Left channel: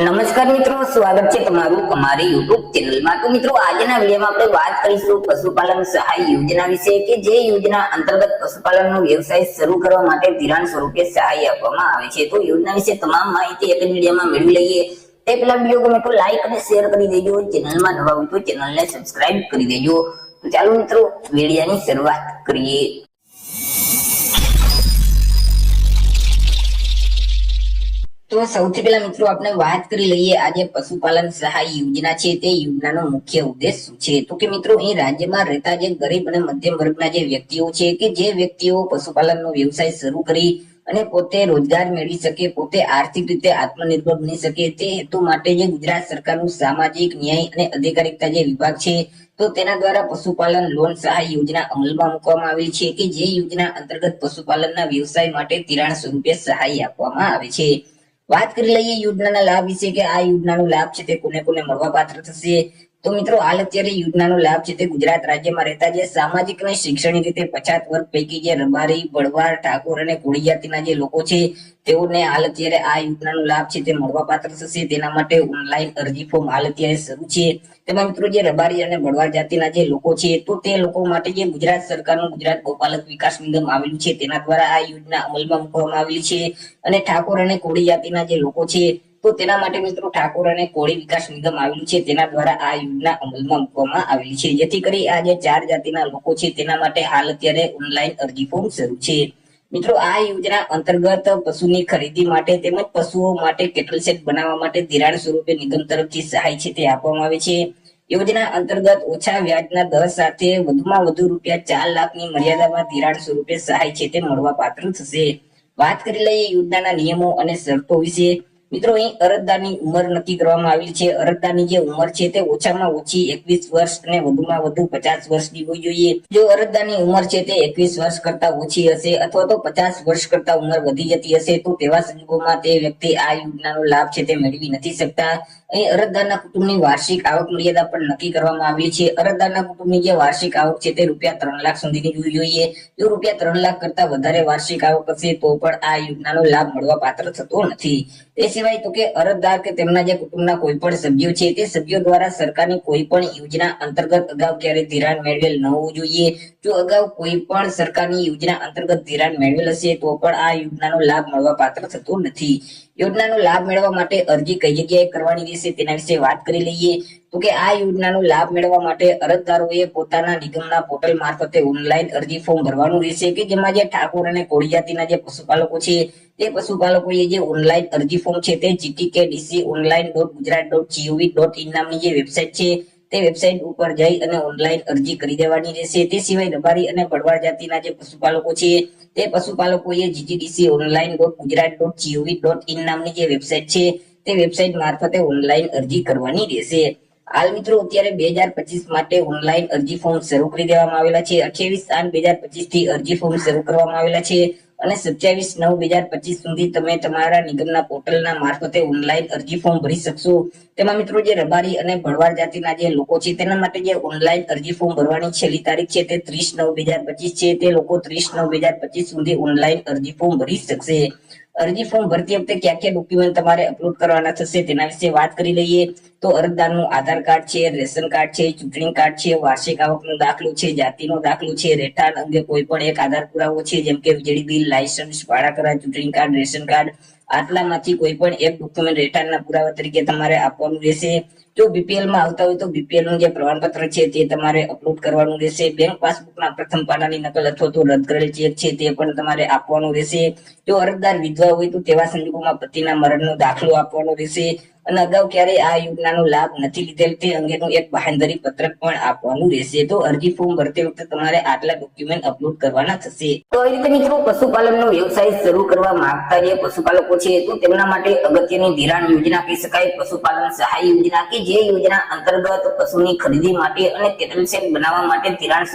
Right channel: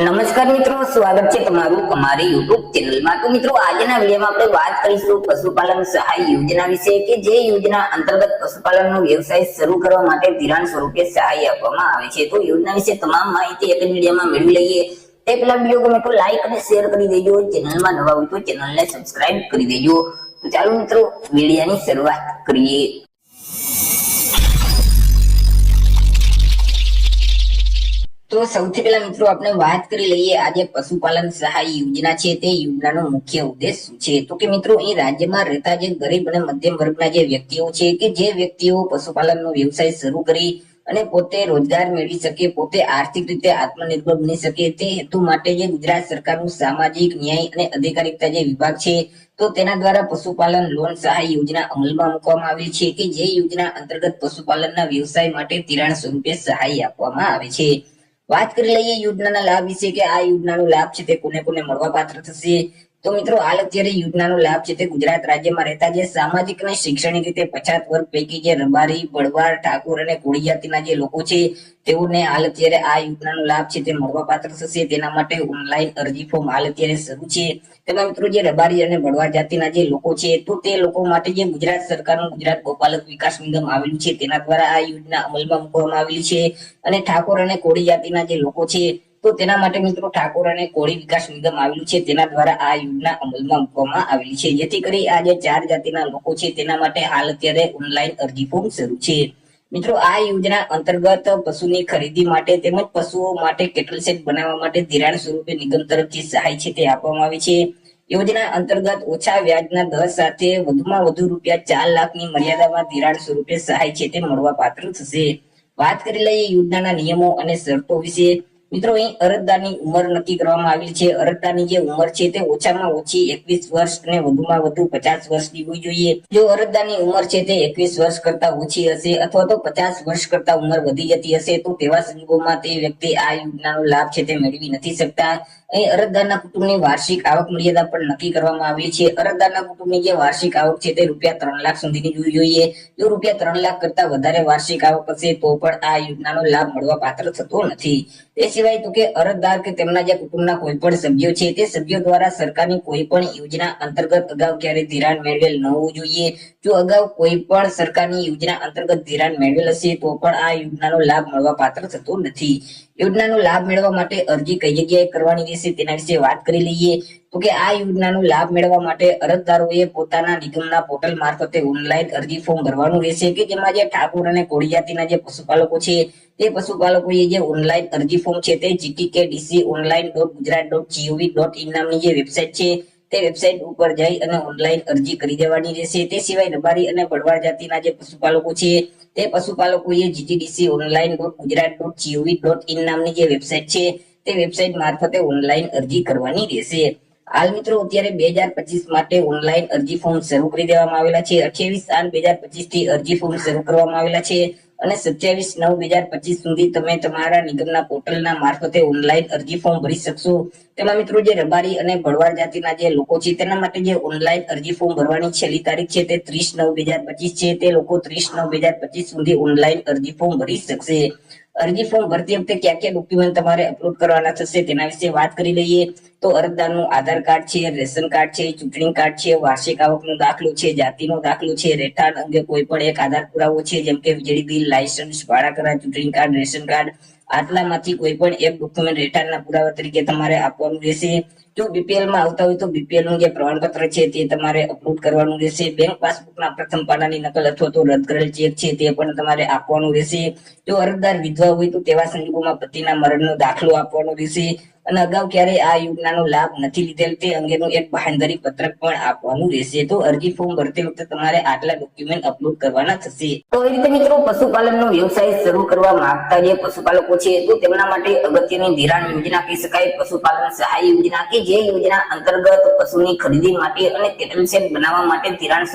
નમસ્કાર મિત્રો, સ્વાગત છે તમારું અમારી YouTube ચેનલમાં। તો મિત્રો, આજના વિડીયોમાં આપણે વાત કરીશું પશુપાલન સહાય યોજના વિશે કે જે યોજના અંતર્ગત પશુપાલનનો વ્યવસાય શરૂ કરવા માટે ધિરાણ સ્વરૂપે સહાય આપવામાં આવે છે। તો યોજના વિશે તમામ માહિતી એક જ વિડીયોમાં મેળવી લઈએ। તે પહેલા વિડીયો ગમે તો લાઈક અને શેર કરી દેજો, ચેનલમાં નવા હોય તો ચેનલને સબસ્ક્રાઇબ કરી દેજો। તો ચાલો મિત્રો, વિડીયોની શરૂઆત કરીએ। તો સૌથી પહેલા મિત્રો આપણે વાત કરી લઈએ આજે પશુપાલન સહાય યોજના છે તે યોજનાનો મુખ્ય ઉદ્દેશ શું છે। તો કે મિત્રો, અહીં રાજ્યમાં રહેતા જે ગરીબ અને મધ્યમ વર્ગના જે વ્યક્તિઓ છે કે જે વ્યક્તિઓ પશુપાલનનો વ્યવસાય શરૂ કરી અને પોતે રોજગાર મેળવી શકે, પોતે આર્થિક રીતે આત્મનિર્ભર બની શકે, તે હેતુ માટે જે ગુજરાત સરકારનું સામાજિક ન્યાય અને અધિકારીતા જે વિભાગ છે તો તેના દ્વારા પશુપાલન લોન સહાય યોજના અમલમાં મૂકવામાં આવેલી છે કે જે યોજના અંતર્ગત પશુપાલનના વ્યવસાય માટે ધિરાણ સ્વરૂપે સહાય આપવામાં આવે છે। વાત કરી લઈએ યોજનાના લાભ વિશે કે આ યોજનાનો લાભ છે તે કોને કોને મળવા પાત્ર થશે। તો મિત્રો, હાલ અત્યારે યોજનાનો લાભ છે તે ગુજરાત રાજ્યમાં રહેતા જે સામાજિક અને શૈક્ષણિક રીતે પછાત વર્ગ પૈકી જે રબારી, ભરવાડ, ઠાકોર અને કોળી જાતિના જે લોકો છે તેઓને હાલ અત્યારે આ યોજનાનો લાભ છે તે મળવા પાત્ર થશે। તેના માટે ઓનલાઈન અરજી ફોર્મ હાલ અત્યારે શરૂ છે। તેમાં મિત્રો, જે રબારી અને ભરવાડ જાતિના જે લોકો છે તો તે લોકો માટે જે ગુજરાત સરકારનું ગુજરાત ગોપાલક વિકાસ નિગમ આવેલું છે તેના દ્વારા આ યોજના અમલમાં મૂકવામાં આવેલી છે। અને ઠાકોર અને કોળી જાતિના જે લોકો છે તો તેના માટે મિત્રો ઠાકોર અને કોળી વિકાસ નિગમ આવેલું છે તેના દ્વારા આ યોજના અમલમાં મૂકવામાં આવેલી છે, જેથી કરી આ જે 4 જાતિના લોકો છે તેના માટે હાલ અત્યારે ઓનલાઈન અરજી ફોર્મ શરૂ છે। મિત્રો, આ યોજના અંતર્ગત પશુની ખરીદી માટે તેમજ પશુઓ માટે કેટલ શેડ બનાવવા માટે ધિરાણ સ્વરૂપે નિગમ તરફથી સહાય છે તે આપવામાં આવે છે। યોજના અંતર્ગત ઓછા વ્યાજના દર સાથે વધુમાં વધુ રૂપિયા 4 લાખની મર્યાદામાં ધિરાણ સ્વરૂપે સહાય છે તે મળવા પાત્ર થશે। વાત કરી લઈએ યોજનાના નિયમો અને શરતો વિશે। મિત્રો, અહીં અરજદારની ઉંમર નક્કી કરવામાં આવી છે। અરજદારની જે ઉંમર છે તે ઓછામાં ઓછી 21 વર્ષ અને વધુમાં વધુ 50 વર્ષની હોવી જોઈએ। જો અરજદારની ઉંમર છે તે 21 વર્ષ કરતા ઓછી હશે અથવા તો 50 વર્ષ કરતા ઉંમર વધી જતી હશે તો તેવા સંજોગોમાં તે વ્યક્તિ આ યોજનાનો લાભ છે તે મેળવી નથી શકતા। અહીં અરજદારના કુટુંબની વાર્ષિક આવક મર્યાદા પણ નક્કી કરવામાં આવી છે। અરજદારના કુટુંબની જે વાર્ષિક આવક છે તે રૂપિયા 3 લાખ સુધીની હોવી જોઈએ। જો રૂપિયા 3 લાખ કરતા વધારે વાર્ષિક આવક હશે તો પણ આ યોજનાનો લાભ મળવા પાત્ર થતો નથી। તે સિવાય તો કે અરજદાર કે તેમના જે કુટુંબના કોઈ પણ સભ્યો છે તે સભ્યો દ્વારા સરકારની કોઈ પણ યોજના અંતર્ગત અગાઉ ક્યારે ધિરાણ મેળવેલ ન હોવું જોઈએ। જો અગાઉ કોઈ પણ સરકારની યોજના અંતર્ગત ધિરાણ મેળવેલ હશે તો પણ આ યોજનાનો લાભ મળવા પાત્ર થતો નથી। યોજનાનો લાભ મેળવવા માટે અરજી કઈ જગ્યાએ કરવાની રહેશે તેના વિશે વાત કરી લઈએ। તો કે આ યોજનાનો લાભ મેળવવા માટે અરજદારોએ પોતાના નિગમના પોર્ટલ મારફતે ઓનલાઈન અરજી ફોર્મ ભરવાનું રહેશે કે જેમાં જે ઠાકોર અને કોળી જાતિના જે પશુપાલકો છે તે પશુપાલકોએ જે ઓનલાઈન અરજી ફોર્મ છે તે gtkdconline.gujarat.gov.in નામની જે વેબસાઇટ છે તે વેબસાઇટ ઉપર જઈ અને ઓનલાઈન અરજી કરી દેવાની રહેશે। તે સિવાય રબારી અને ભરવાડ જાતિના જે પશુપાલકો છે તે પશુપાલકોએ ggdconline.gujarat.gov.in નામની જે વેબસાઇટ છે તે વેબસાઇટ મારફતે ઓનલાઈન અરજી કરવાની રહેશે। હાલ મિત્રો, અત્યારે 2025 માટે ઓનલાઈન અરજી ફોર્મ શરૂ કરી દેવામાં આવેલા છે। 28/8/2025 થી અરજી ફોર્મ શરૂ કરવામાં આવેલા છે અને 27/9/2025 સુધી તમે તમારા નિગમના પોર્ટલના મારફતે ઓનલાઈન અરજી ફોર્મ ભરી શકશો। તેમાં મિત્રો, જે રબારી અને ભરવાડ જાતિના જે લોકો છે તેના માટે જે ઓનલાઈન અરજી ફોર્મ ભરવાની છેલ્લી તારીખ છે તે 30/9/2025 છે। તે લોકો 30/9/2025 સુધી ઓનલાઈન અરજી ફોર્મ ભરી શકશે। અરજી ફોર્મ ભરતી વખતે કયા કયા ડોક્યુમેન્ટ તમારે અપલોડ કરવાના થશે તેના વિશે વાત કરી લઈએ। તો અરજદારનું આધાર કાર્ડ છે, રેશન કાર્ડ છે, ચૂંટણી કાર્ડ છે, વાર્ષિક આવકનો દાખલો છે, જાતિનો દાખલો છે, રહેઠાણ અંગે કોઈ પણ એક આધાર પુરાવો છે જેમ કે વીજળી બિલ, લાયસન્સ, ભાડા કરાર, ચૂંટણી કાર્ડ, રેશન કાર્ડ, આટલામાંથી કોઈ પણ એક ડોક્યુમેન્ટ રહેઠાણના પુરાવા તરીકે તમારે આપવાનું રહેશે। જો બીપીએલ માં આવતા હોય તો બીપીએલ નું જે પ્રમાણપત્ર છે તે તમારે અપલોડ કરવાનું રહેશે। બેંક પાસબુકના પ્રથમ પાનાની નકલ અથવા તો રદ કરેલ ચેક છે તે પણ તમારે આપવાનું રહેશે। જો અરજદાર વિધવા હોય તો તેવા સંજોગોમાં પતિના મરણનો દાખલો આપવાનો રહેશે અને અગાઉ ક્યારે આ યોજનાનો લાભ નથી લીધેલ તે અંગેનું એક બાહેંધરી પત્રક પણ આપવાનું રહેશે। તો અરજી ફોર્મ ભરતી વખતે તમારે આટલા ડોક્યુમેન્ટ અપલોડ કરવાના થશે। તો એ રીતે મિત્રો, પશુપાલનનો વ્યવસાય શરૂ કરવા માંગતા જે પશુપાલકો છે તો તેમના માટે અગત્યની ધિરાણ યોજના કહી શકાય પશુપાલન સહાય યોજના કે જે યોજના અંતર્ગત પશુની ખરીદી માટે અને કેટલ શેડ બનાવવા માટે ધિરાણ